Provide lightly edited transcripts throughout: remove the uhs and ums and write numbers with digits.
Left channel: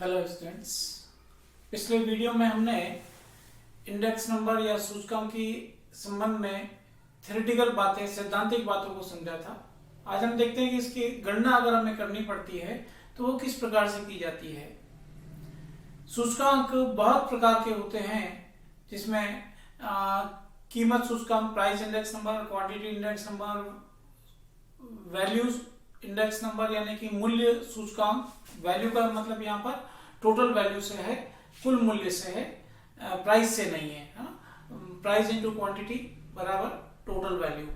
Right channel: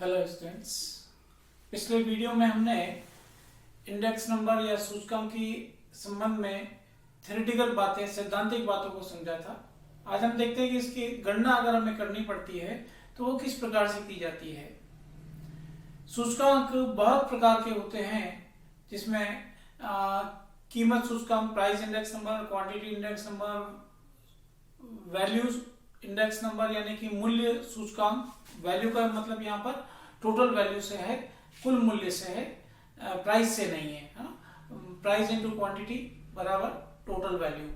Hello students. पिछले video में हमने इंडेक्स नंबर या सूचकांक की संबंध में थ्योरेटिकल बातें, सैद्धांतिक बातों को समझा था। आज हम देखते हैं कि इसकी गणना अगर हमें करनी पड़ती है तो वो किस प्रकार से की जाती है। सूचकांक बहुत प्रकार के होते हैं, जिसमें कीमत सूचकांक, price index number, quantity index number, values index number यानी कि मूल्य सूचकांक। वैल्यू का मतलब यहाँ पर टोटल वैल्यू से है, कुल मूल्य से है, प्राइस से नहीं है, है ना। प्राइस इंटू क्वांटिटी बराबर टोटल वैल्यू,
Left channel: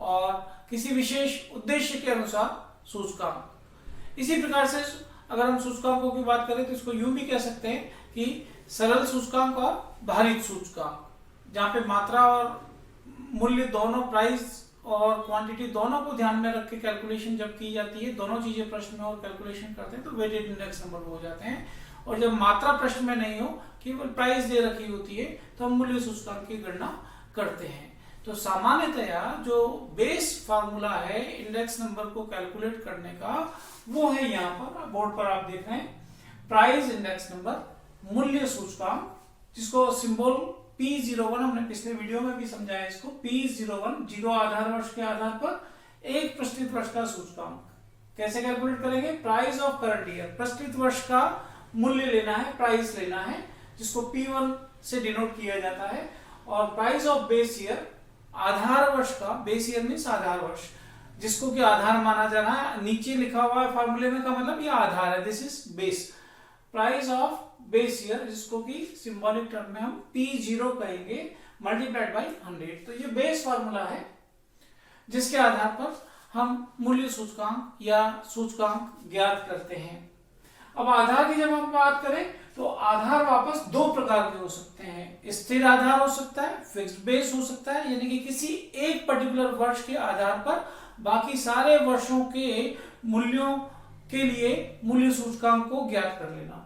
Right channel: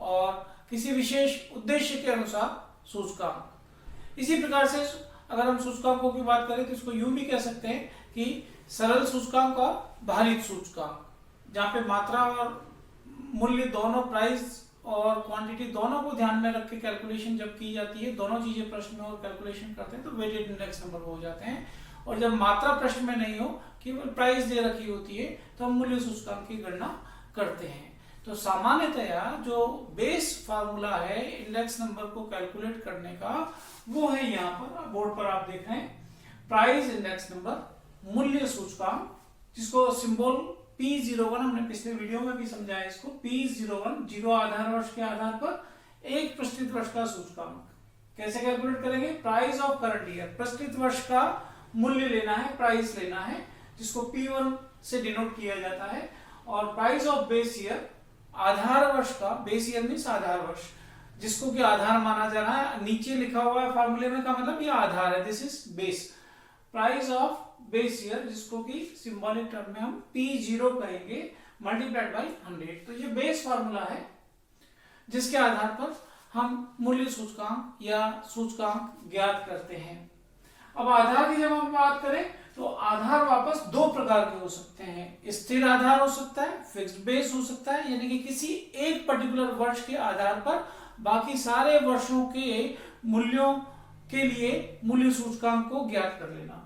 और किसी विशेष उद्देश्य के अनुसार सूचकांक। इसी प्रकार से अगर हम सूचकांकों की बात करें तो इसको यूं भी कह सकते हैं कि सरल सूचकांक और भारित सूचकांक, जहां पे मात्रा और मूल्य दोनों, प्राइस और क्वांटिटी दोनों को ध्यान में रख के कैलकुलेशन जब की जाती है, दोनों चीजें प्रश्न में और कैलकुलेशन करते हैं तो वेटेड इंडेक्स नंबर हो जाते हैं। और जब मात्रा प्रश्न में नहीं हो, केवल प्राइस दे रखी होती है, तो हम मूल्य सूचकांक की गणना करते हैं। तो सामान्यतया जो बेस फार्मूला है इंडेक्स नंबर को कैलकुलेट करने का, वो है यहाँ पर बोर्ड पर आप देख रहे हैं, प्राइस इंडेक्स नंबर, मूल्य सूचकांक, जिसको सिंबल P01 हमने पिछले वीडियो में भी समझाया। इसको P01 जीरो आधार वर्ष के आधार पर एक प्रचलित वर्ष का सूचकांक कैसे कैलकुलेट करेंगे। प्राइस ऑफ करंट ईयर, प्रचलित वर्ष का मूल्य लेना है, प्राइस लेना है, जिसको P1 से डिनोट किया जाता है। और प्राइस ऑफ बेस ईयर, आधार वर्ष का, बेस ईयर मीन्स आधार वर्ष, जिसको कि आधार माना जाना है। नीचे लिखा हुआ है फार्मूले में, का मतलब ये आधार है, this is base. Price of base year, जिसको कि सिंबॉलिक टर्म में हम P0 कहेंगे, मल्टीप्लाइड बाई 100। तो ये बेस फार्मूला है जिसके आधार पर हम मूल्य सूचकांक या सूचकांक ज्ञात करते हैं। अब आधार की जब हम बात करें तो आधार वापस दो प्रकार के हो सकते हैं। स्थिर आधार हो सकता है, फिक्स्ड बेस हो सकता है, यानी कि किसी एक पर्टिकुलर वर्ष के आधार पर बाकी सारे वर्षों के मूल्यों के लिए मूल्य सूचकांक को ज्ञात कर लेना।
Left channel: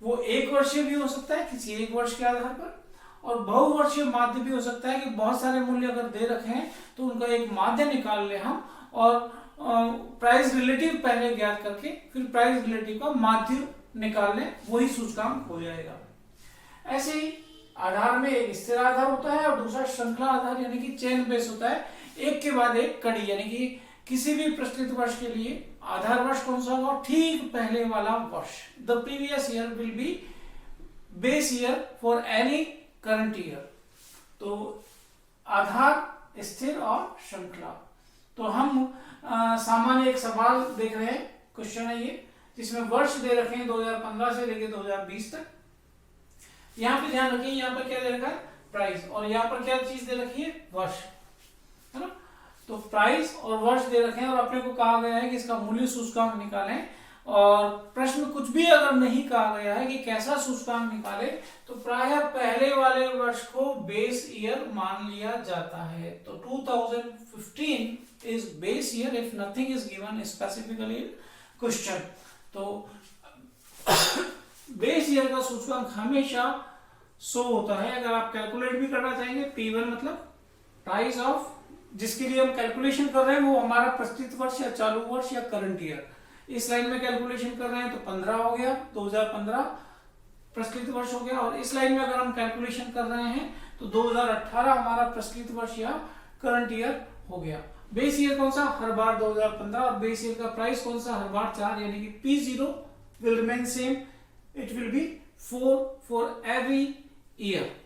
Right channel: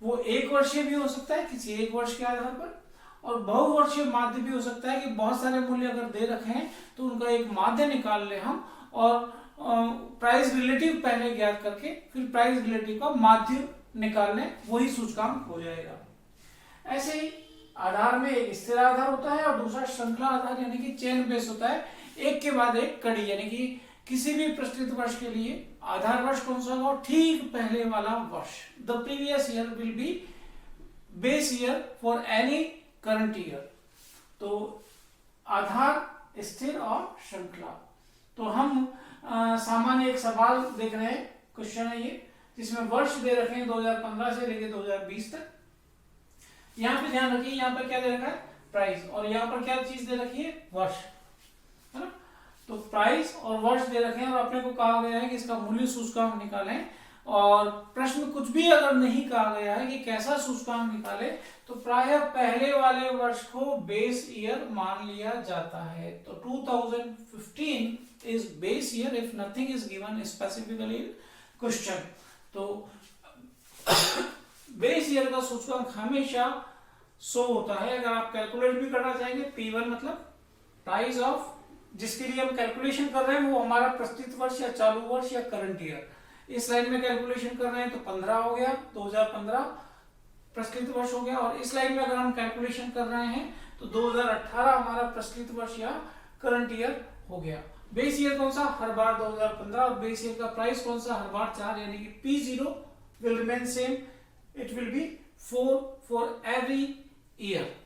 वो एक वर्षीय भी हो सकता है किसी एक वर्ष के आधार पर, और बहुवर्षीय माध्य भी हो सकता है कि बहुत सारे मूल्य अगर दे रखे हैं तो उनका एक माध्य निकाल ले हम, और प्राइस रिलेटिव पहले ज्ञात करके फिर प्राइस रिलेटिव का माध्य निकाल लें, वही सूचकांक हो जाएगा। ऐसे ही आधार में एक स्थिर आधार होता है और दूसरा श्रृंखला आधार यानी कि चेन बेस होता है, एक के बाद एक कड़ी, यानी कि किसी भी प्रचलित वर्ष के लिए आधार वर्ष कौन सा होगा, ठीक पहले वाला वर्ष। The previous year will be base year for any current year. तो आधार, स्थिर और श्रृंखला। तो हम सामान्य एक सवाल देख रहे हैं, क्वेश्चन है ये, जिसमें वर्ष दे रखे हैं 2015 से लेकर 2020 तक। यहाँ पे ध्यान रखिए, यहाँ पर क्या दे रखा है, प्राइस, और यहाँ पर क्या चीज दे रखी है, वर्ष, है ना। तो प्राइस और वर्ष दे रखे हैं और अपने को कहा गया है कि इसका मूल्य सूचकांक निकालें। और प्रश्न कुछ भी अगर नहीं कहा गया है कि कैसा सूचकांक निकाले, तो प्रायः पहले वाले वर्ष को बेस ईयर मान लिया जाता है। तो 2015 is base year if nothing is given specifically in question. तो बेस ईयर का सूचकांक हमेशा 100 होता है। अगर आप कैलकुलेट भी करना चाहेंगे, P1 मतलब प्राइस ऑफ, जिसके लिए हम कैलकुलेशन कर रहे हैं वो हमारा प्रचलित वर्ष या चालू वर्ष या करंट ईयर। इस लाइन में कैलकुलेशन कर रहे हैं तो 15 हो गया, 2015 प्रचलित वर्ष हो गया। और इस लाइन में अगर हम कैलकुलेशन कर रहे हैं तो 2018 हमारा प्रचलित वर्ष या करंट ईयर हो गया। बेस ईयर कौन सा, हर बार 2015, और बेस ईयर का प्राइस कौन सा, हर बार 4, यानी कि P0 will remain same, it will be 4 for every year.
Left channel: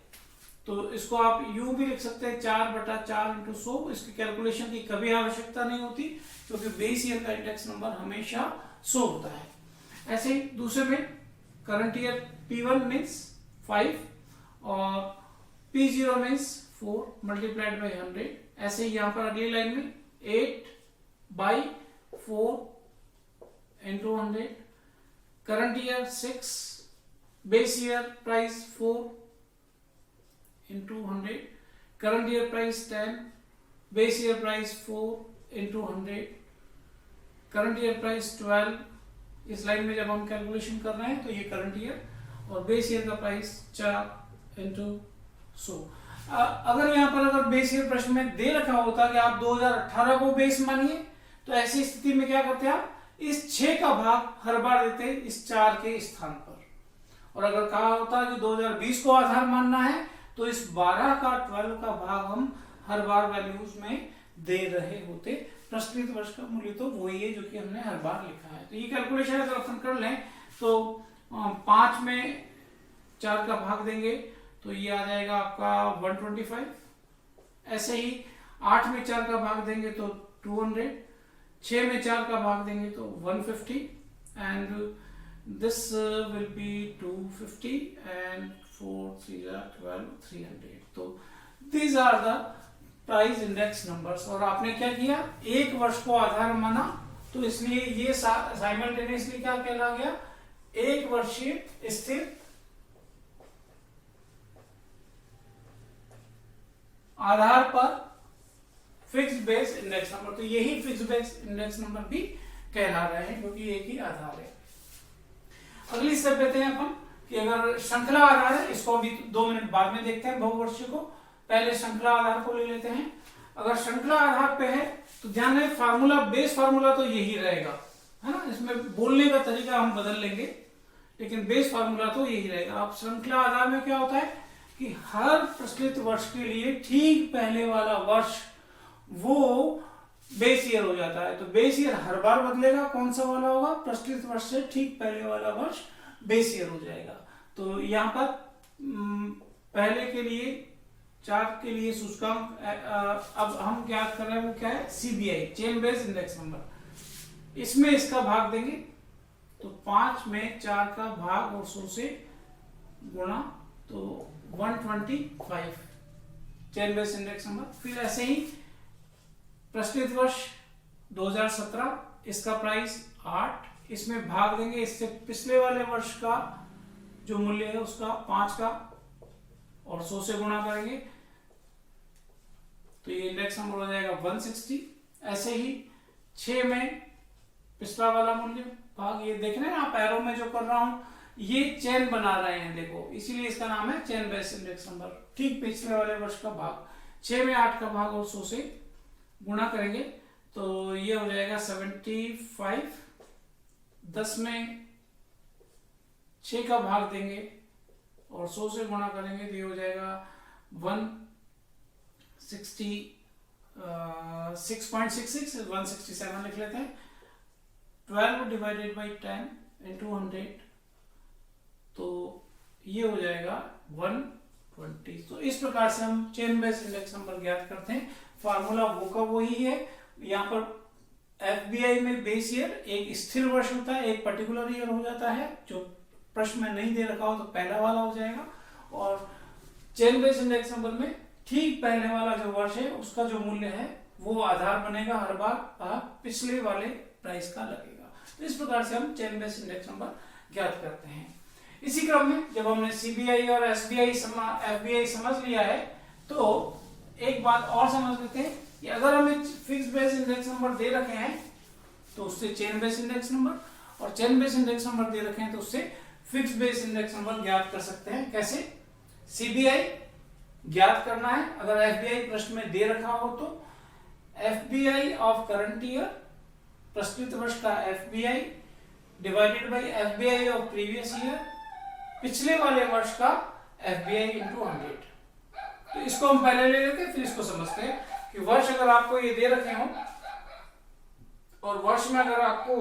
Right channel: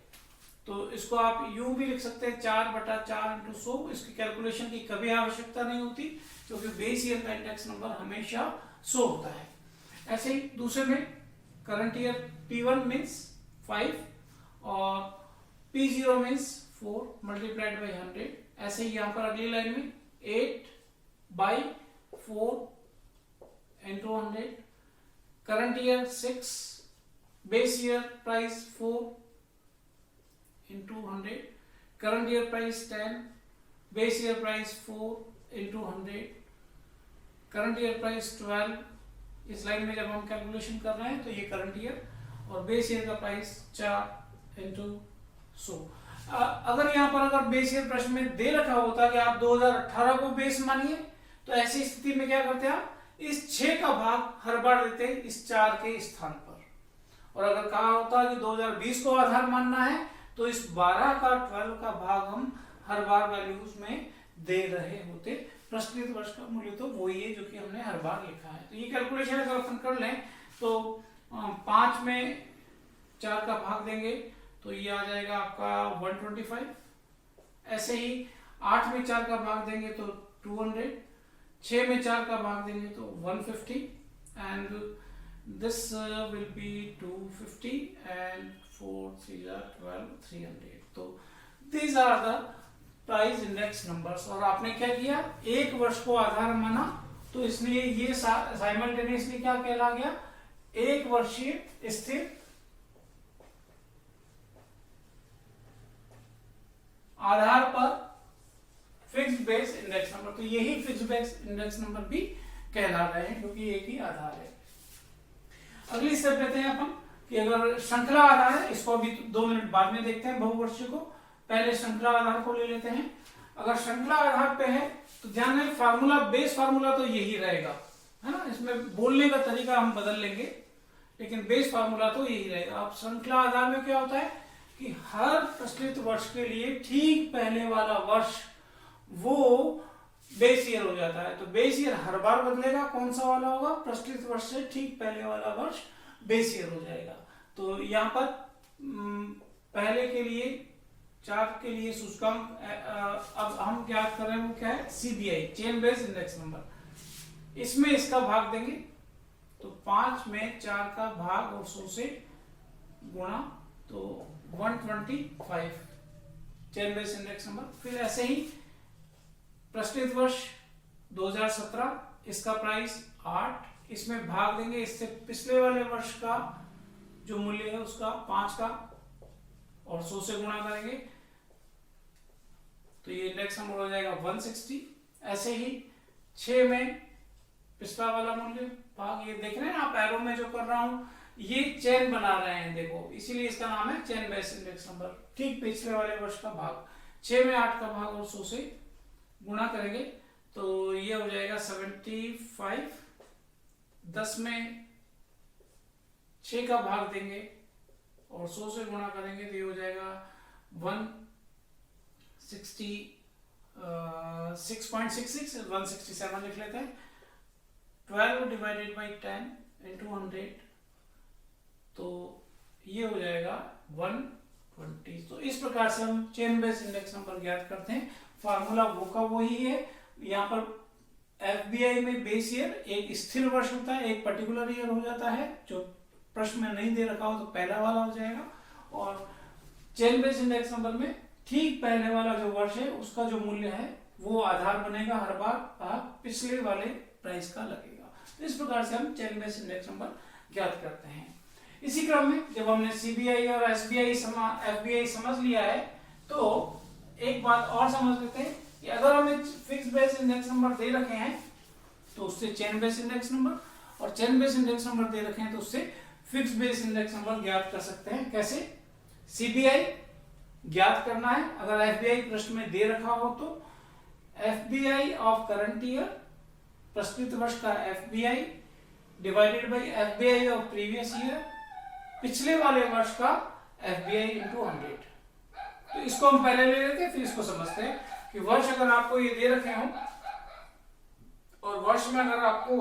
तो इसको आप यूं भी लिख सकते हैं, 4/4 इंटू 100। इसकी कैलकुलेशन की कभी आवश्यकता नहीं होती, क्योंकि बेस ईयर का इंडेक्स नंबर हमेशा 100 होता है। ऐसे ही दूसरे में करंट ईयर P1 मीन्स 5 और P0 मीन्स 4 मल्टीप्लाइड बाई 100। ऐसे ही यहां पर अगली लाइन में 8/4 into 100। Current year 6, base year price 4 into 100, current year price 10, base year price 4 into 100, current year price 12। इस लाइन में जब हम कैलकुलेशन कर रहे हैं तो ये करंट ईयर, और बेस ईयर का प्राइस 4 into 100। अगर यहाँ पर अगर बेस ईयर प्रश्न में दे रखा होता कि आप 2018 को बेस मानिए, तो ऐसी स्थिति में क्या करते हैं आप, इस 6 का भाग हर बार देते हैं इस 4 के स्थान पर। और अगर कहा होता कि 2020 को आधार मानना है तो इस 12 का 12 का भाग हम हर बार वैल्यूज में दे रहे होते। प्रचलित वर्ष का मूल्य तो वही है जो कि हमने हर बार लिखा है। तो ये कैलकुलेशन अगर अपन कर लें तो 5 में 4 का भाग देंगे तो ये आ जाएगा आपका 125। ऐसे ही 8 में 4 का भाग देंगे तो 200, 6 में 4 का भाग देंगे तो 150 and this will be 250 and 4 3 are 12 300। तो these are the price index numbers. और आपने क्या किया, एक वर्ष को आधार माना तो इसलिए ये साइमल्टेनियसली क्या कहला गया, एक वर्षीय स्थिर आधार पर फिक्स्ड बेस इंडेक्स नंबर। तो यही फिक्स्ड बेस इंडेक्स नंबर भी कहला रहे हैं क्योंकि एक ही आधार है। अगली स्टेप लेते हैं अपन कि अगर श्रृंखला आधार है, इसको अभी 2 मिनट बाद में देखते हैं बहुवर्षीय को, पहले श्रृंखला आधार को ले लेते हैं। अगर श्रृंखला आधार पे है तो ध्यान रहे फार्मूला, बेस फार्मूला तो यही रहेगा, है ना। इसमें बोलने का तरीका हम बदल लेंगे लेकिन बेस फार्मूला तो यही रहेगा। अब श्रृंखला आधार में क्या होता है कि हर प्रचलित वर्ष के लिए ठीक पहले वाला वर्ष वो बेस ईयर हो जाता है। तो बेस ईयर हर बार बदलेगा, कौन सा वाला होगा, प्रचलित वर्ष से ठीक पहले वाला वर्ष बेस ईयर हो जाएगा। तो यहाँ पर पहले के लिए 4 के लिए सूचकांक अब हम क्या कर रहे हैं वो क्या है, CBI chain base index number. इसमें इसका भाग देंगे तो 5 में 4 का भाग और 100 से गुणा तो 125 चेन बेस इंडेक्स नंबर। फिर ऐसे ही प्रचलित वर्ष 2017, इसका प्राइस 8, इसमें भाग देंगे इससे पिछले वाले वर्ष का जो मूल्य है उसका 5 का और 100 से गुणा करेंगे तो ये इंडेक्स नंबर हो जाएगा 160। ऐसे ही 6 में पिछला वाला मूल्य भाग, ये देख रहे हैं आप एरो में जो कर रहा हूं ये चेन बना रहे हैं देखो, इसीलिए इसका नाम है चेन बेस इंडेक्स नंबर। ठीक पिछले वाले वर्ष का भाग, 6 में 8 का भाग और 100 से गुणा करेंगे तो ये हो जाएगा 75। 10 में 6 का भाग देंगे और 100 से गुणा करेंगे तो ये हो जाएगा 6.66 167 लिख लेते हैं। 12 डिवाइडेड बाई 10 इंटू 100 तो ये हो जाएगा 120। तो इस प्रकार से हम चेन बेस इंडेक्स नंबर ज्ञात करते हैं। फार्मूला वो का वही है। यहाँ पर एफबीआई में बेस ईयर एक स्थिर वर्ष होता है, एक पर्टिकुलर ईयर हो जाता है, जो प्रश्न में नहीं दे रखा हो तो पहला वाला हो जाएगा। और चेन बेस इंडेक्स नंबर में ठीक पहले वाला जो वर्ष है उसका जो मूल्य है वो आधार बनेगा, हर बार पिछले वाले प्राइस का लगेगा। तो इस प्रकार से हम चेन बेस इंडेक्स नंबर ज्ञात करते हैं। इसी क्रम में जब हमने सीबीआई और एसबीआई एफबीआई समझ लिया है तो एक बात और समझ लेते हैं कि अगर हमें फिक्स बेस इंडेक्स नंबर दे रखे हैं तो उससे चेन बेस इंडेक्स नंबर, और चेन बेस इंडेक्स नंबर दे रखे हैं तो उससे फिक्स बेस इंडेक्स नंबर ज्ञात कर सकते हैं। कैसे, सीबीआई ज्ञात करना है अगर एफबीआई प्रश्न में दे रखा हो तो एफबीआई ऑफ करंट ईयर, प्रस्तुत वर्ष का FBI divided by FBI of previous year, पिछले वाले वर्ष का एफबीआई इंटू 100। तो इसको हम पहले ले लेते हैं फिर इसको समझते हैं कि वर्ष अगर आपको ये दे रखे हो और वर्ष में अगर आपको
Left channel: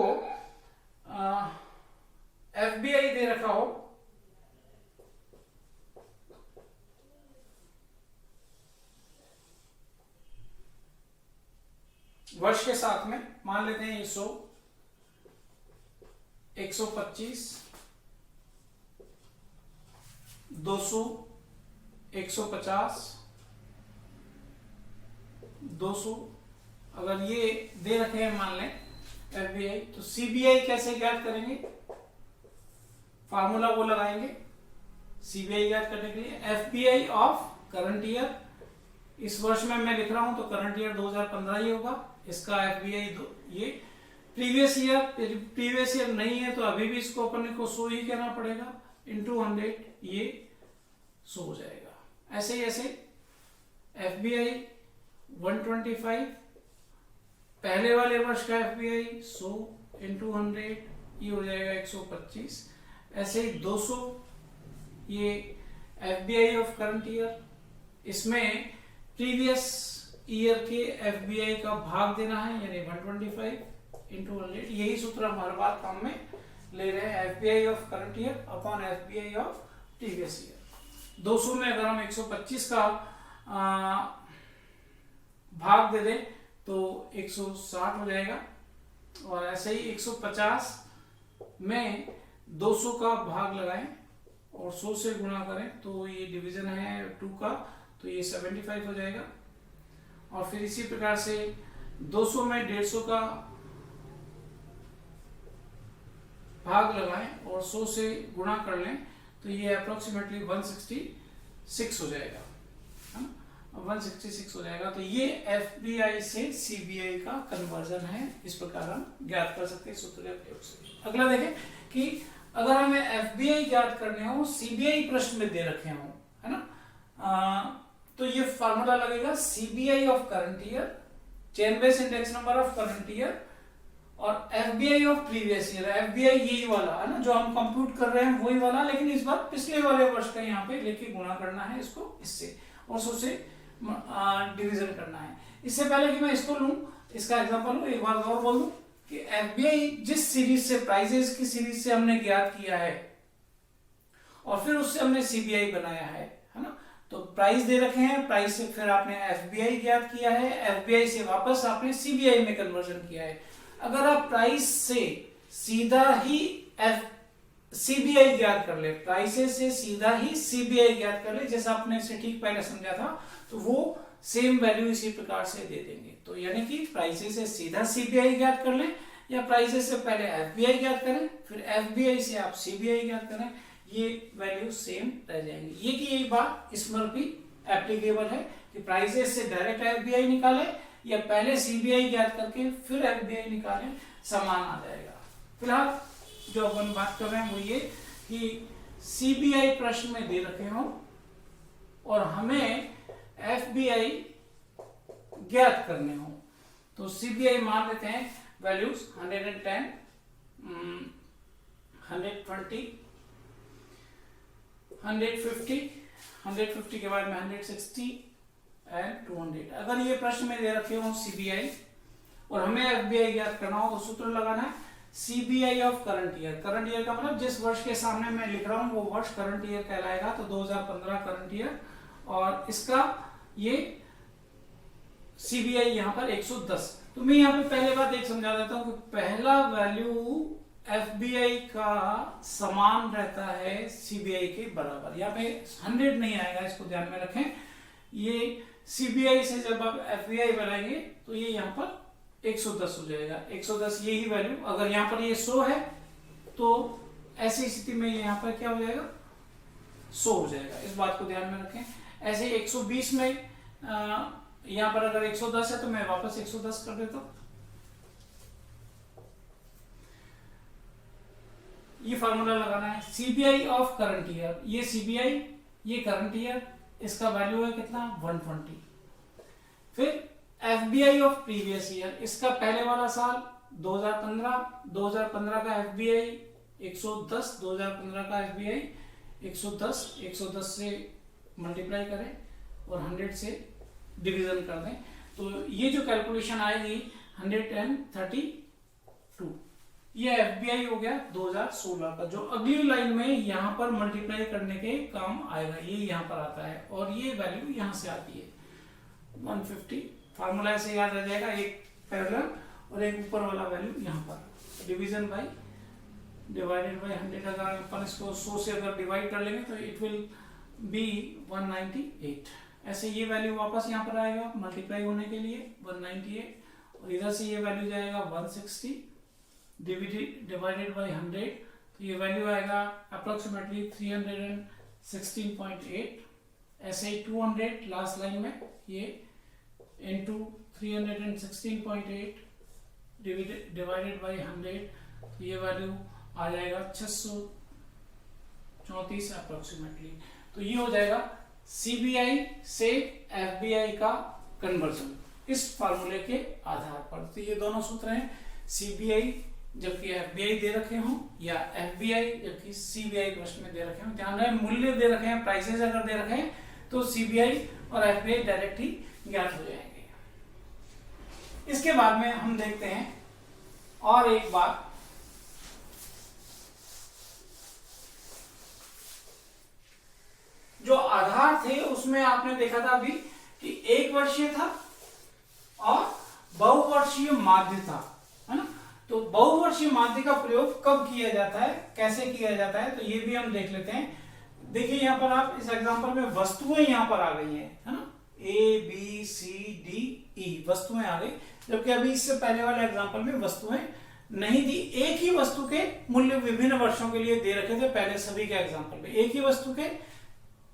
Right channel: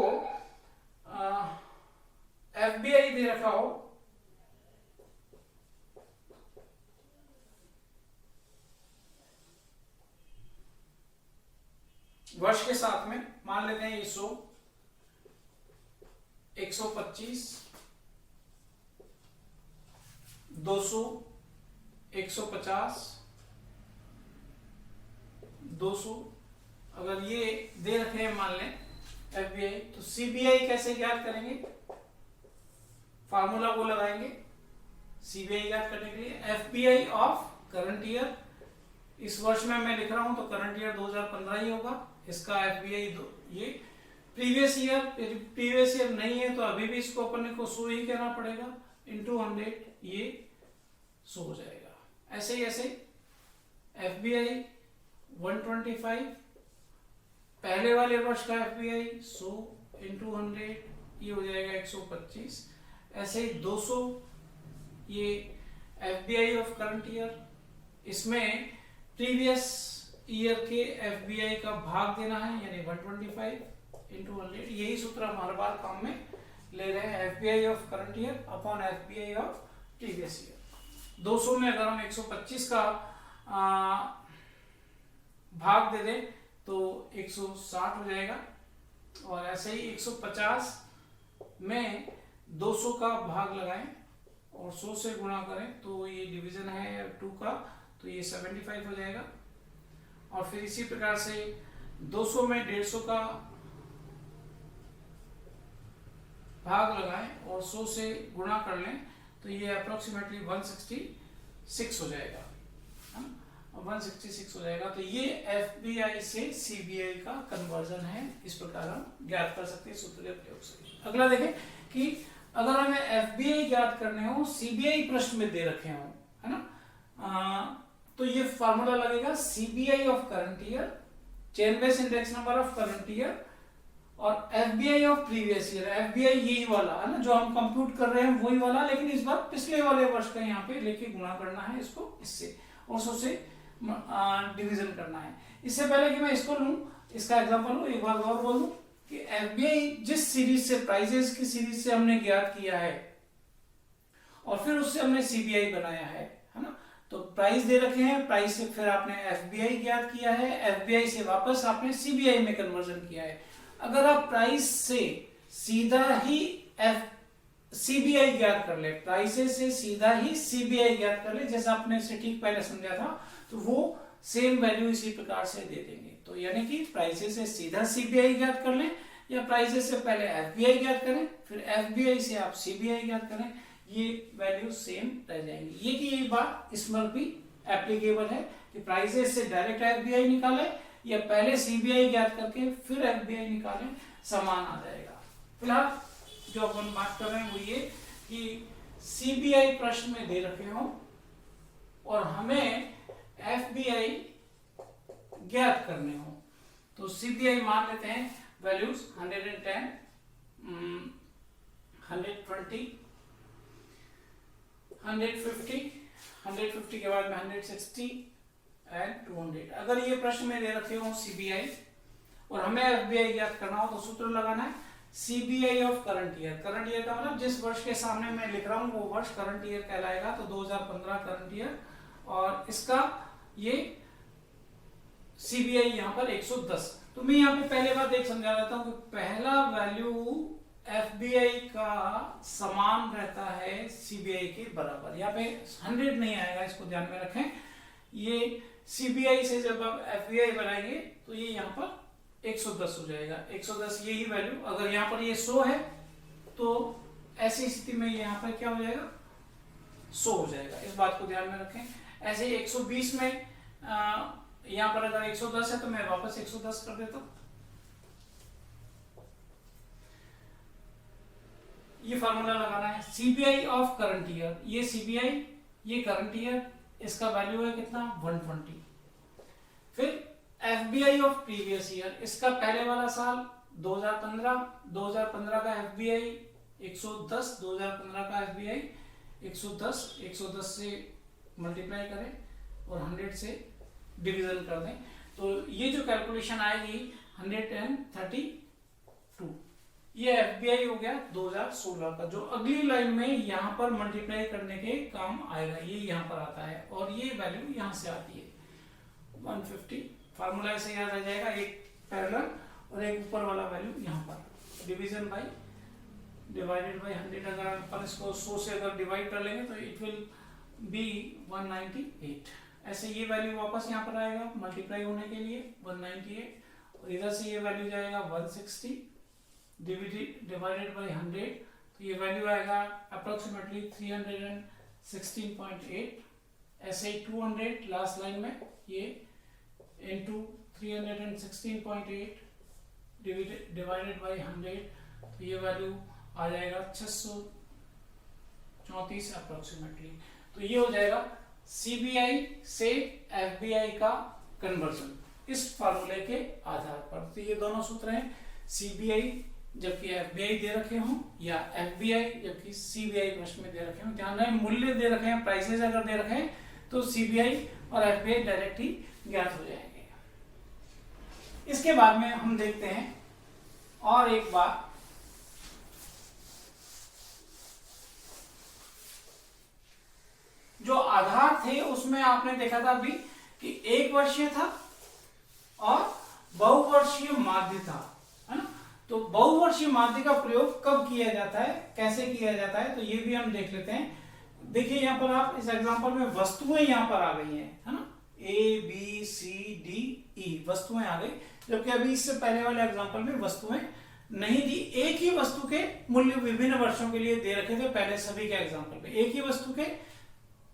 एफबीआई दे रखा हो वर्ष के साथ में, मान लेते हैं 100, 125, 200, 150, 200 अगर ये दे रखे हैं मान लें एफबीआई, तो सीबीआई कैसे ज्ञात करेंगे, फार्मूला वो लगाएंगे सीबीआई ज्ञात करने के लिए। एफबीआई ऑफ करंट ईयर, इस वर्ष में मैं लिख रहा हूं तो करंट ईयर 2015 ही होगा, इसका एफबीआई ये प्रीवियस ईयर नहीं है तो अभी भी इसको अपन को 100 ही कहना पड़ेगा, इंटू 100 ये 100 हो जाएगा। ऐसे ही ऐसे एफबीआई 125, पहले वाले वर्ष का एफबीआई 100 इंटू 100, ये हो जाएगा 125। ऐसे ही 200, ये एफबीआई ऑफ करंट ईयर, इसमें प्रीवियस ईयर के एफबीआई का भाग देना है, यानी 125 इंटू 100। यही सूत्र हम हर बार काम में ले रहे हैं, FBI of current year upon FBI of previous year. 200 में अगर हम 125 का भाग दे दें तो 160 हो जाएगा, और ऐसे ही 150 में 200 का भाग लगाएं और 100 से गुणा करें तो ये डिवीजन है 2 का, तो ये 75 हो जाएगा। और फिर इसी प्रकार से 200 में 150 का भाग लगाएं और 100 से गुणा कर लें तो ये अप्रोक्सीमेटली 166 हो जाएगा, है ना, 166 हो जाएगा। तो ये एफबीआई से सीबीआई का कन्वर्जन है, इस प्रकार हम ज्ञात कर सकते हैं सूत्र के प्रयोग से। अगला देखें कि अगर हमें एफबीआई ज्ञात करने हो, सीबीआई प्रश्न में दे रखे हो, है ना, तो ये फार्मूला लगेगा CBI of current year, chain base index number of current year, और FBI of previous year. FBI यही वाला है ना जो हम कंप्यूट कर रहे हैं, वही वाला, लेकिन इस बार पिछले वाले वर्ष का यहाँ पे लेके गुणा करना है इसको इससे, और 100 से डिवीजन करना है। इससे पहले कि मैं इसको लूं, इसका एग्जांपल लूं, एक बार और बोल दूं कि एफबीआई जिस सीरीज से, प्राइजेस की सीरीज से हमने ज्ञात किया है और फिर उससे हमने सीबीआई बनाया है ना, तो प्राइस दे रखे हैं, प्राइस से फिर आपने एफबीआई ज्ञात किया है, एफबीआई से वापस आपने सीबीआई में कन्वर्जन किया है। अगर आप प्राइस से सीधा ही सीबीआई ज्ञात कर ले, प्राइसेस से सीधा ही सीबीआई ज्ञात कर ले, जैसा आपने इसे ठीक पहले समझा था, तो वो सेम वैल्यू इसी प्रकार से दे देंगे। तो यानी कि प्राइसेस से सीधा सीबीआई ज्ञात कर लें, या प्राइसेस से पहले एफबीआई ज्ञात करें, फिर एफबीआई से आप सीबीआई ज्ञात करें, ये वैल्यू सेम रह जाएंगी। ये कि यही बात इसमें भी एप्लीकेबल है कि प्राइसेस से डायरेक्ट एफबीआई निकालें या पहले सीबीआई ज्ञात करके फिर एफबीआई निकालें, समान आ जाएगा। फिलहाल जो अपन बात कर रहे हैं वो ये कि सीबीआई प्रश्न में दे रखे हो और हमें एफबीआई ज्ञात करने हो, तो सीबीआई मान लेते हैं वैल्यूज 110, 120, 150 के बाद में 160 एंड 200। अगर ये प्रश्न में दे रखे हो सीबीआई और हमें एफबीआई ज्ञात करना हो तो सूत्र लगाना है CBI of current year. Current year का मतलब जिस वर्ष के सामने मैं लिख रहा हूं वो वर्ष करंट ईयर कहलाएगा, तो 2015 करंट ईयर, और इसका ये सीबीआई यहां पर 110। तो मैं यहां पे पहले बात एक समझा देता हूं कि पहला वैल्यू एफबीआई का समान रहता है सीबीआई के बराबर, यहाँ पे 100 नहीं आएगा, इसको ध्यान में रखें। ये सीबीआई से जब आप एफबीआई बनाएंगे तो ये यहाँ पर 110 हो जाएगा, 110 यही वैल्यू। अगर यहाँ पर ये 100 है तो ऐसी स्थिति में यहाँ पर क्या हो जाएगा, 100 हो जाएगा, इस बात को ध्यान में रखें। ऐसे 120 में यहाँ पर अगर 110 है तो मैं वापस 110 कर देता हूं। ये फार्मूला लगाना है सीबीआई ऑफ करंट ईयर, ये सीबीआई, ये करंट ईयर, इसका वैल्यू है कितना 120। फिर एफबीआई ऑफ प्रीवियस ईयर, इसका पहले वाला साल 2015 का एफबीआई 110, 2015 का एफबीआई 110 से मल्टीप्लाई करें और 100 से डिवीजन कर दें, तो ये जो कैलकुलेशन आएगी 132, ये एफबीआई हो गया 2016 का, जो अगली लाइन में यहां पर मल्टीप्लाई करने के काम आएगा, ये यहां पर आता है और ये वैल्यू यहां से आती है 150। फार्मूला ऐसे याद आ जाएगा, एक पैरेलल और एक ऊपर वाला वैल्यू यहां पर, डिवीजन बाय डिवाइडेड बाय 100। अगर अपन इसको 100 से अगर डिवाइड कर लेंगे तो इट विल बी 198। ऐसे ये वैल्यू वापस यहाँ पर आएगा मल्टीप्लाई होने के लिए 198, और इधर से ये वैल्यू जाएगा 160 डिवाइडेड बाय 100, तो ये वैल्यू आएगा अप्रोक्सीमेटली 316.8। ऐसे ही 200 लास्ट लाइन में ये इनटू 316.8 डिवाइडेड बाय 100, तो ये वैल्यू आ जाएगा 634 अप्रोक्सीमेटली। तो ये हो जाएगा सीबीआई से एफबीआई का कन्वर्जन इस फार्मूले के आधार पर। तो ये दोनों सूत्र हैं, सीबीआई जबकि एफबीआई दे रखे हों, या एफबीआई जबकि सीबीआई प्रश्न में दे रखे हों। ध्यान रहे मूल्य दे रखे हैं, प्राइसेस अगर दे रखे हैं तो सीबीआई और एफबीआई डायरेक्ट ही ज्ञात हो जाएंगे। इसके बाद में हम देखते हैं और एक बात, जो आधार थे उसमें आपने देखा था अभी कि 1 वर्षीय था और बहुवर्षीय माध्य था, है ना। तो बहुवर्षीय माध्य का प्रयोग कब किया जाता है, कैसे किया जाता है, तो ये भी हम देख लेते हैं। देखिए यहां पर आप इस एग्जांपल में वस्तुएं यहां पर आ गई हैं, है ना, A B C D E वस्तुएं आ गई, जबकि अभी इससे पहले वाले एग्जांपल में वस्तुएं नहीं दी। एक ही वस्तु के मूल्य विभिन्न वर्षों के लिए दे रखे थे पहले सभी के एग्जाम्पल में, एक ही वस्तु के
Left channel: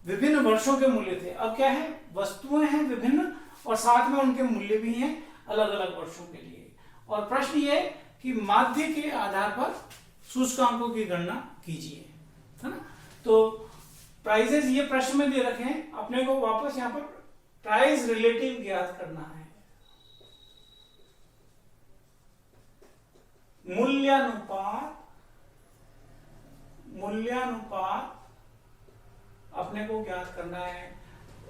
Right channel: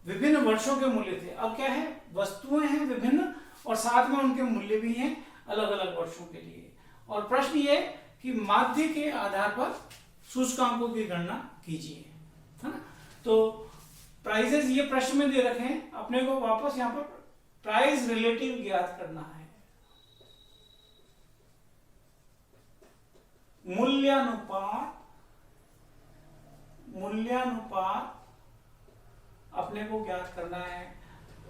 विभिन्न वर्षों के मूल्य थे। अब क्या है, वस्तुएं हैं विभिन्न और साथ में उनके मूल्य भी हैं अलग अलग वर्षों के लिए। और प्रश्न ये कि माध्य के आधार पर सूचकांकों की गणना कीजिए, है ना। तो प्राइजेस ये प्रश्न में दे रखे हैं, अपने को वापस यहाँ पर प्राइस रिलेटिव ज्ञात करना है। मूल्यानुपात अपने को ज्ञात करना है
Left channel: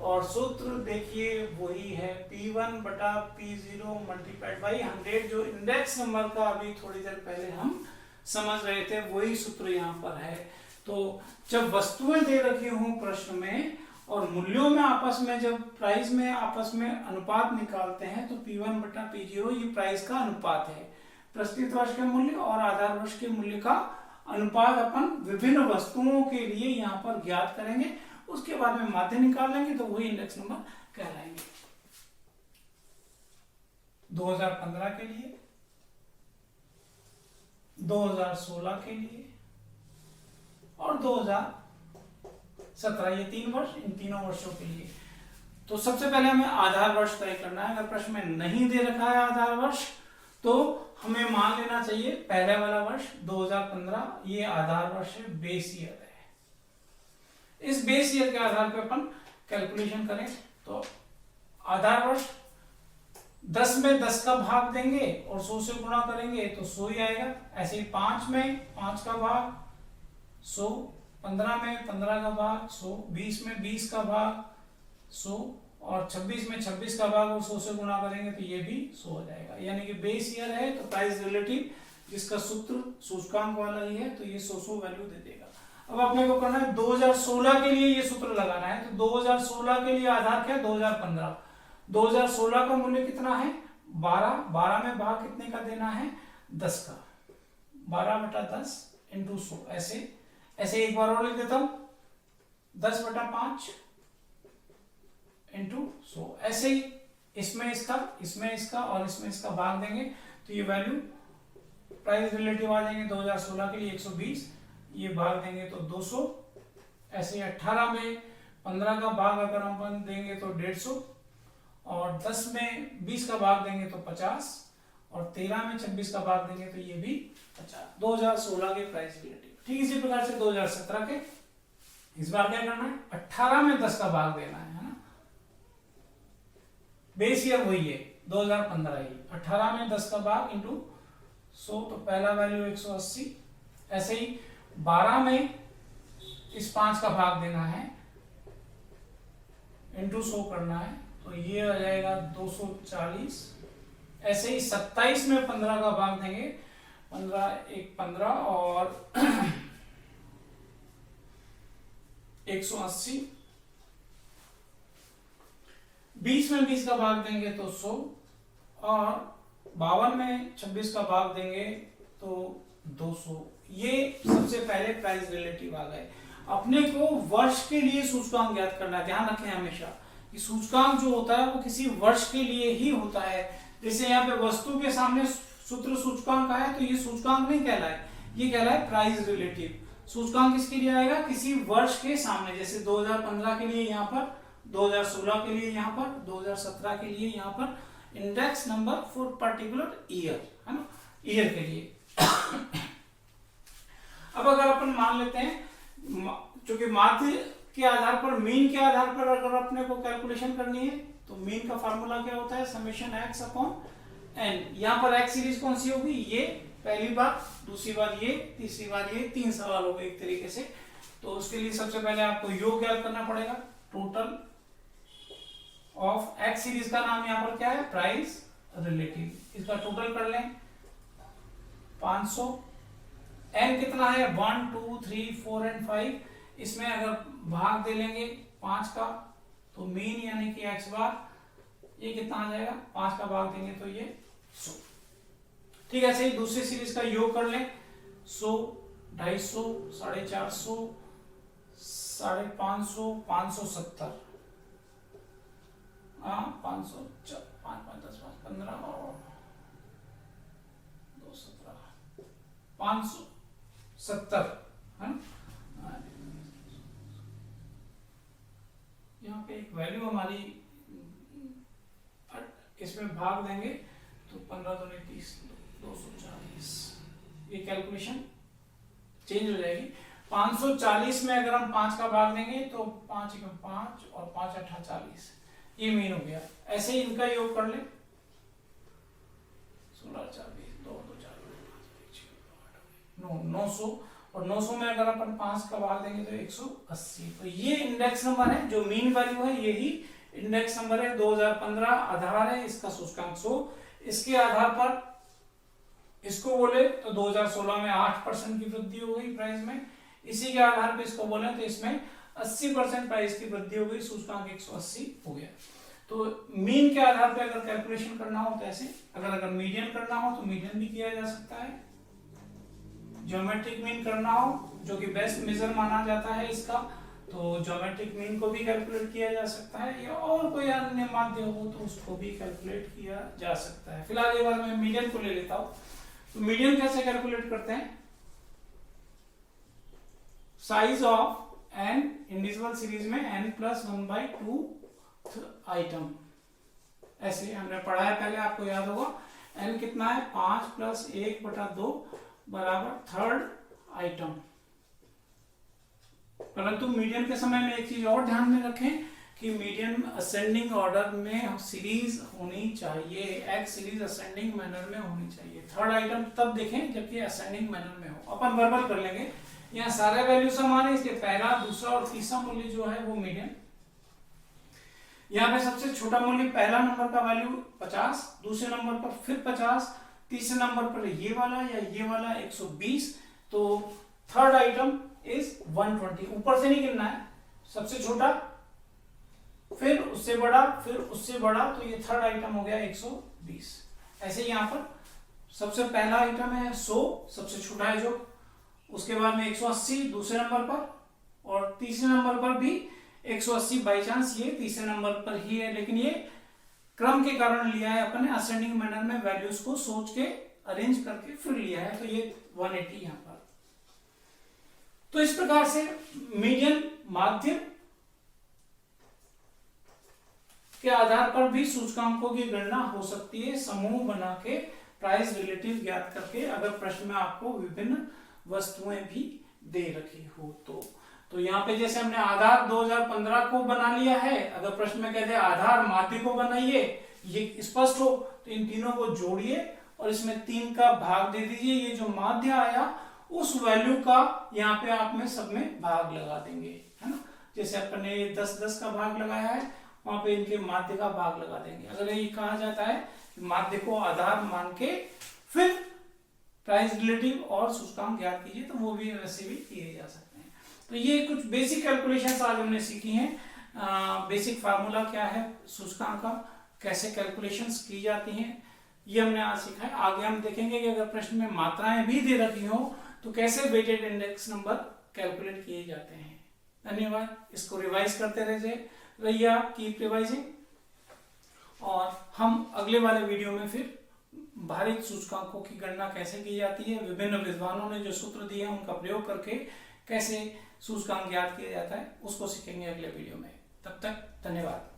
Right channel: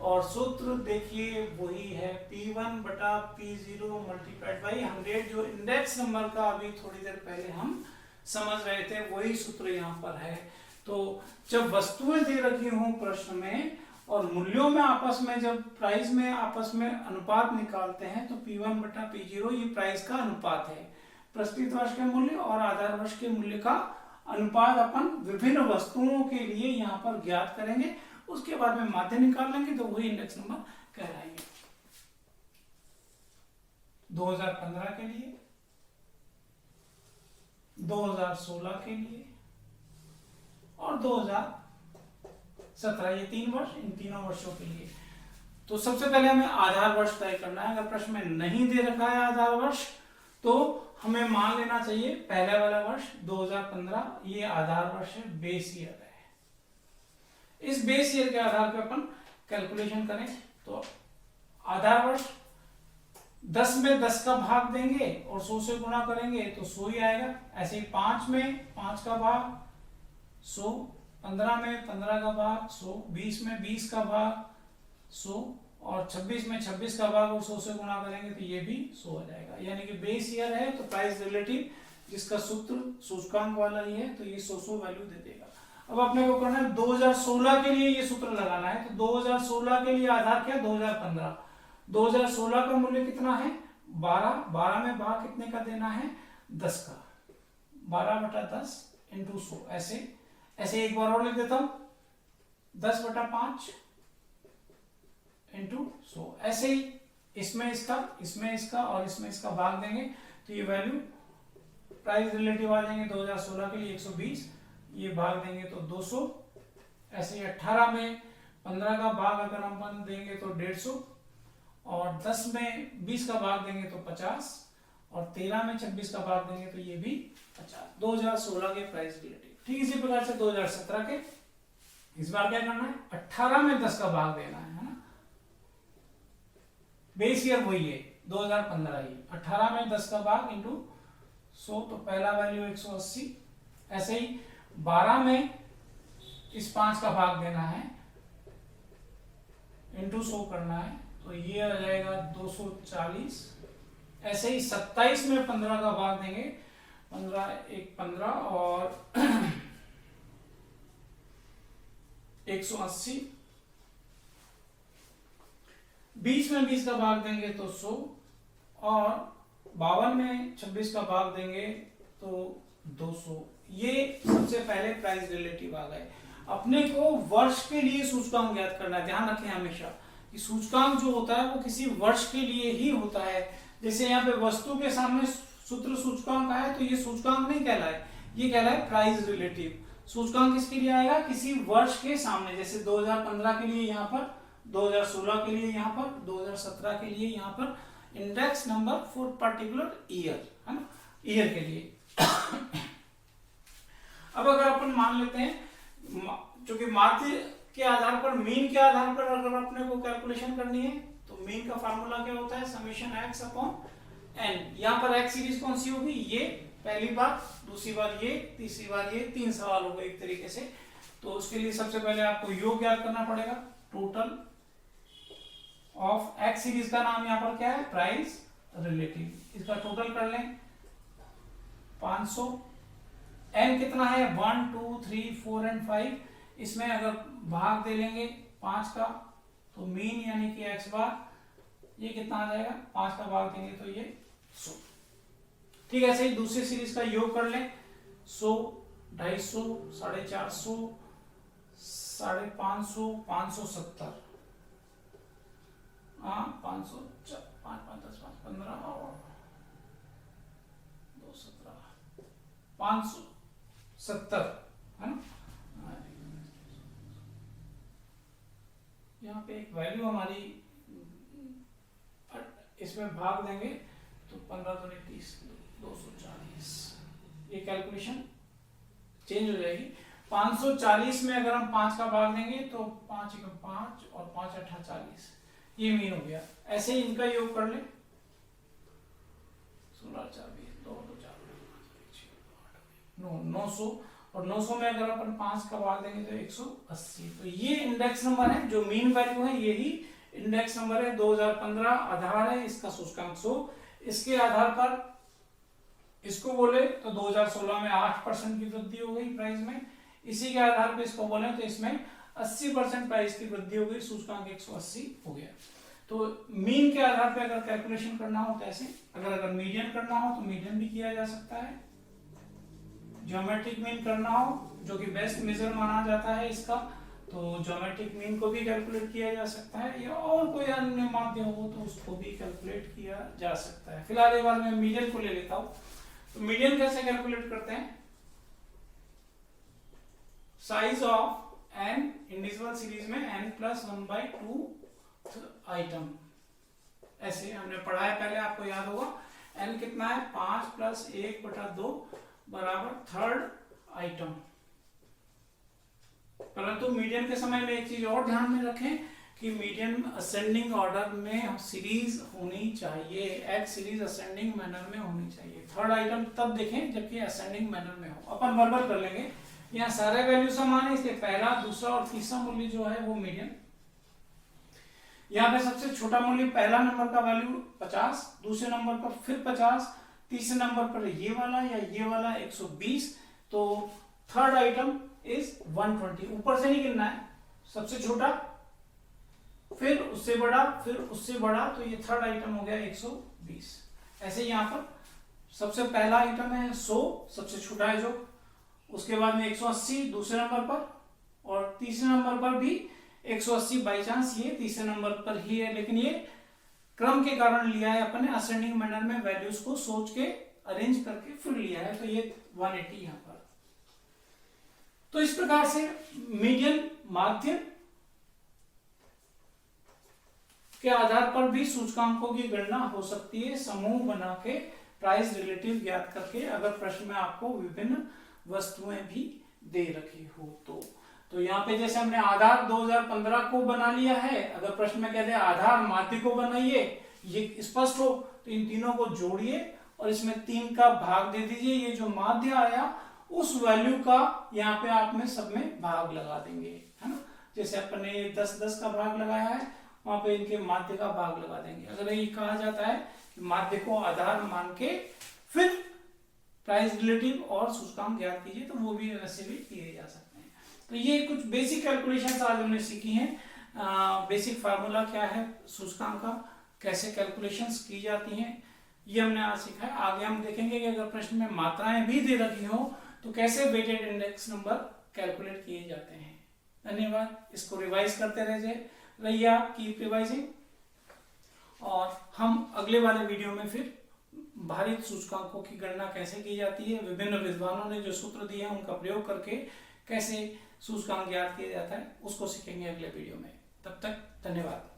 और सूत्र देखिए वही है P1 बटा P0 मल्टीप्लाइड बाई 100, जो इंडेक्स नंबर का अभी थोड़ी देर पहले हम समझ रहे थे, वही सूत्र यहाँ पर है। तो जब वस्तुएं दे रखी हों प्रश्न में और मूल्यों में आपस में, जब प्राइस में आपस में अनुपात निकालते हैं तो P1 बटा P0 ये प्राइस का अनुपात है। प्रस्तुत वर्ष के मूल्य और आधार वर्ष के मूल्य का अनुपात अपन विभिन्न वस्तुओं के लिए यहाँ पर ज्ञात करेंगे, उसके बाद में माध्य निकाल लेंगे तो वही इंडेक्स नंबर कहलाएंगे। 2015 के लिए, 2016 के लिए और 2017, ये 3 वर्ष, इन तीनों वर्षों के लिए। तो सबसे पहले हमें आधार वर्ष तय करना है। अगर प्रश्न में नहीं दे रखा है आधार वर्ष तो हमें मान लेना चाहिए पहले वाला वर्ष 2015 ये आधार वर्ष है, बेस ईयर है। इस बेस ईयर के आधार पर अपन कैलकुलेशन करें तो आधार वर्ष 10 में 10 का भाग देंगे और 100 से गुणा करेंगे तो 100 ही आएगा। ऐसे ही 5 में 5 का भाग 100, 15 में 15 का भाग 100, 20 में 20 का भाग 100 और 26 में 26 का भाग और 100 से गुणा करेंगे तो ये भी 100 हो जाएगा। यानी कि बेस ईयर है तो प्राइस रिलेटिव जिसका सूत्र सूचकांक वाला ही है तो ये 100 वैल्यू दे देगा। अब अपने को करना है 2016 के लिए ये सूत्र लगाना है। तो 2016 के लिए आधार क्या है, 2015। 2016 का मूल्य कितना है 12, 12 में भाग कितने का देना है 10 का, 12 बटा 10 इंटू 100। ऐसे एक बार और लिख देता हूं 10 बटा 5 इंटू 100। ऐसे ही इसमें इसका और इसमें इसका भाग देंगे तो ये वैल्यू प्राइस रिलेटिव आ जाएंगे। 2016 के लिए 120, ये भाग देंगे तो 200। ऐसे 18 में 15 का भाग अगर हम देंगे तो 150 और 10 में 20 का भाग देंगे तो 50 और 13 में 26 का भाग देंगे तो ये भी 50। 2016 के प्राइस रिलेटिव। ठीक इसी प्रकार से 2017 के, इस बार क्या करना है 18 में 10 का भाग देना है ना। बेस ईयर वही है 2015 ही, 18 में 10 का भाग इंटू 100 तो पहला वैल्यू 180। ऐसे ही 12 में इस 5 का भाग देना है इंटू 100 करना है तो ये आ जाएगा 240। ऐसे ही 27 में 15 का भाग देंगे, 15 1 15 और 180। 20 में 20 का भाग देंगे तो 100 और 52 में 26 का भाग देंगे तो 200। ये सबसे पहले प्राइस रिलेटिव आ गए। अपने को वर्ष के लिए सूचकांक ज्ञात करना है। ध्यान रखें हमेशा कि सूचकांक जो होता है वो किसी वर्ष के लिए ही होता है। जैसे यहाँ पे वस्तु के सामने सूत्र सूचकांक आए तो ये सूचकांक नहीं कहलाए, ये कहलाए प्राइस रिलेटिव। सूचकांक किसके लिए आएगा, किसी वर्ष के सामने। जैसे 2015 के लिए यहाँ पर, 2016 के लिए यहाँ पर, 2017 के लिए यहाँ पर index number for particular year, है ना, ईयर के लिए। अब अगर अपन मान लेते हैं क्योंकि माध्य के आधार पर, मीन के आधार पर अगर अपने को कैलकुलेशन करनी है तो मीन का फार्मूला क्या होता है, समेशन एक्स अपॉन एन। यहाँ पर एक्स सीरीज कौन सी होगी, ये पहली बार, दूसरी बार ये, तीसरी बार ये, 3 सवाल हो गए एक तरीके से। तो उसके लिए सबसे पहले आपको योग याद करना पड़ेगा। टोटल ऑफ एक्स सीरीज का नाम यहाँ पर क्या है, प्राइस रिलेटिव। इसका टोटल कर लें 500। एन कितना है, 1 2 3 4 एंड 5। इसमें अगर भाग दे लेंगे 5 का तो मीन यानी कि एक्स बार ये कितना आ जाएगा, 5 का भाग देंगे तो ये 100। ठीक है, ऐसे ही दूसरी सीरीज का योग कर लें 100, 250, 450, 550, 570, 500, 5 5 10 5 15 2 17 570 है ना। यहाँ पे एक वैल्यू हमारी इसमें भाग देंगे तो 15 दूनी 30 240। ये कैलकुलेशन चेंज हो जाएगी। 540 में अगर हम 5 का भाग देंगे तो 5 × 5 और 5 × 8 40, ये मीन हो गया। ऐसे ही इनका योग कर ले 16 4 20 2 2 4 5 6 8 900, और 900 में अगर अपन 5 का भाग देंगे तो 180। तो ये इंडेक्स नंबर है, जो मीन वैल्यू है यही इंडेक्स नंबर है। 2015 आधार है इसका सूचकांक 100। इसके आधार पर इसको बोले तो 2016 में 8% की वृद्धि हो गई प्राइस में। इसी के आधार पर इसको बोले तो इसमें 80% प्राइस की वृद्धि हो गई, सूचकांक 180 हो गया। तो मीन के आधार पर अगर कैलकुलेशन करना हो तो ऐसे, अगर मीडियन करना हो तो मीडियन भी किया जा सकता है। ज्योमेट्रिक मीन करना हो, जो कि बेस्ट मेजर माना जाता है इसका, तो ज्योमेट्रिक मीन को भी कैलकुलेट किया जा सकता है, या और कोई अन्य माध्य हो तो उसको भी कैलकुलेट किया जा सकता है। फिलहाल एक बार मैं मीडियन को ले लेता हूं। तो मीडियन कैसे कैलकुलेट करते हैं, size of an individual series में n+1/2 आइटम, ऐसे हमने पढ़ा है पहले, आपको याद होगा। n कितना है, 5 + 1/2 बराबर थर्ड आइटम। परंतु मीडियन के समय में एक चीज और ध्यान में रखें कि मीडियन असेंडिंग ऑर्डर में सीरीज होनी चाहिए, एक्स सीरीज असेंडिंग मैनर में होनी चाहिए। थर्ड आइटम तब देखें जबकि असेंडिंग मैनर में हो। अपन वर्बल कर लेंगे, यहाँ सारे वैल्यू समान है, इसके पहला, दूसरा और तीसरा मूल्य जो है वो मीडियन। यहाँ पे सबसे छोटा मूल्य पहला नंबर का वैल्यू 50, दूसरे नंबर पर फिर 50, तीसरे नंबर पर ये वाला या ये वाला 120। तो थर्ड आइटम इज 120। ऊपर से नहीं गिनना है, सबसे छोटा फिर उससे बड़ा फिर उससे बड़ा, तो ये थर्ड आइटम हो गया 120। ऐसे यहाँ पर सबसे पहला आइटम है 100, सबसे छोटा है जो, उसके बाद में 180 दूसरे नंबर पर, और तीसरे नंबर पर भी 180। बाई चांस ये तीसरे नंबर पर ही है, लेकिन ये क्रम के कारण लिया है अपन ने, असेंडिंग मैनर में वैल्यूज को सोच के अरेंज करके फिर लिया है। तो ये 180 यहाँ पर। तो इस प्रकार से मीडियन माध्य के आधार पर भी सूचकांकों की गणना हो सकती है, समूह बना के प्राइस रिलेटिव ज्ञात करके, अगर प्रश्न में आपको विभिन्न वस्तुएं भी दे रखी हो तो यहाँ पे जैसे हमने आधार 2015 को बना लिया है, अगर प्रश्न में कहते हैं आधार माध्य को बनाइए, ये स्पष्ट हो तो इन तीनों को जोड़िए और इसमें 3 का भाग दे दीजिए। ये जो माध्य आया उस वैल्यू का यहाँ पे आप में सब में भाग लगा देंगे, है ना। जैसे अपन ने 10-10 का भाग लगाया है, वहां पे इनके माध्य का भाग लगा देंगे। अगर ये कहा जाता है कि माध्य को आधार मान के फिर प्राइस रिलेटिव और सूचकांक ज्ञात कीजिए, तो वो भी वैसे भी किए जा सकते हैं। तो ये कुछ बेसिक कैलकुलेशंस आज हमने सीखी हैं। बेसिक फार्मूला क्या है सूचकांक का, कैसे कैलकुलेशंस की जाती हैं, ये हमने आज सीखा है। आगे हम देखेंगे कि अगर प्रश्न में मात्राएं भी दे रखी हो तो कैसे वेटेड इंडेक्स नंबर कैलकुलेट किए जाते हैं। धन्यवाद। इसको रिवाइज करते रहिए आप, कीप रिवाइजिंग, और हम अगले वाले वीडियो में फिर भारित सूचकांकों की गणना कैसे की जाती है, विभिन्न विद्वानों ने जो सूत्र दिए हैं उनका प्रयोग करके कैसे सूचकांक ज्ञात किया जाता है, उसको सीखेंगे अगले वीडियो में। तब तक धन्यवाद।